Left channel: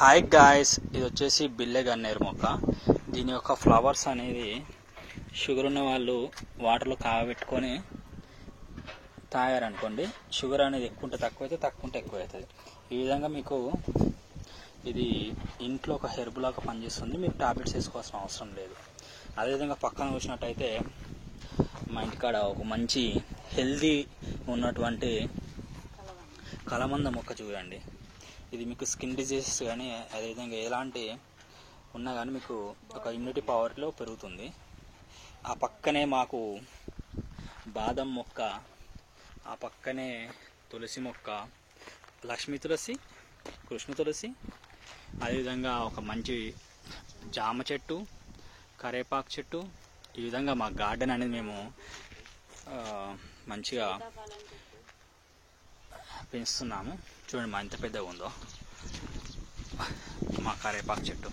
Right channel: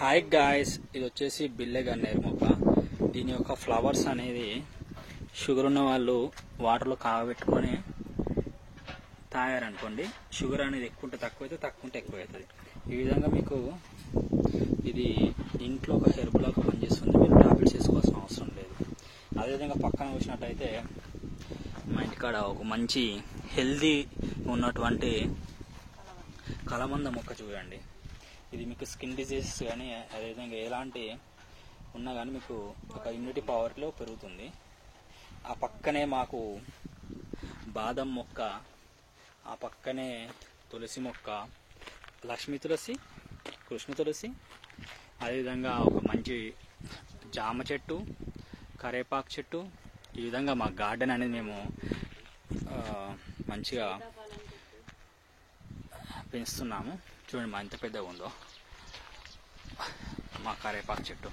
Hi guys, ఇది వచ్చేసి బిల్లె గన్నేరు మొక్క. దీని యొక్క ఫ్లవర్స్ అనేది షుగర్ ఉన్న వాళ్ళు వాటర్లో కాగబెట్టుకొని తాగారనుకోండి, షుగర్ అనేది ఎక్కువ ఉంటే తక్కువ అవుతుంది, తక్కువ ఉంటే ఎక్కువ అవుతుంది. ఈ విధంగా మీకు ఇది ఇంట్లో ఒక హెర్బ్ లాగా పనిచేస్తుంది. మీరు టాబ్లెట్స్ వేసుకోవాల్సిన అవసరం లేదు. అదేవిధంగా పక్కన చూసినట్టయితే మా ఇంటికాడ ఒక మంచి హెల్దీ ఉన్నటువంటి కలమంద మొక్క చూడండి. ఇది మీకు స్కిన్ డిజీజెస్ కానీ అదేవిధంగా ఎలాంటి ఉన్నా కానీ మీకు ఒక ఇమ్యూనిటీ పవర్లో పెరుగుతుంది. ఆ పక్కనే మాకు బాదం మొక్క, ఆ పక్కనే తులసి మొక్క, లక్ష్మీ తులసి, కృష్ణ తులసి, అదేవిధంగా ఒక మంచి జామ చెట్టు, కరేపాకు చెట్టు. ఈ విధంగా మా గార్డెన్ అనేది మేము మంచిగా పెంచుతున్నాము. చూడండి మా ఎంత పెద్దగా ఉందో మా కరేపాకు చెట్టు.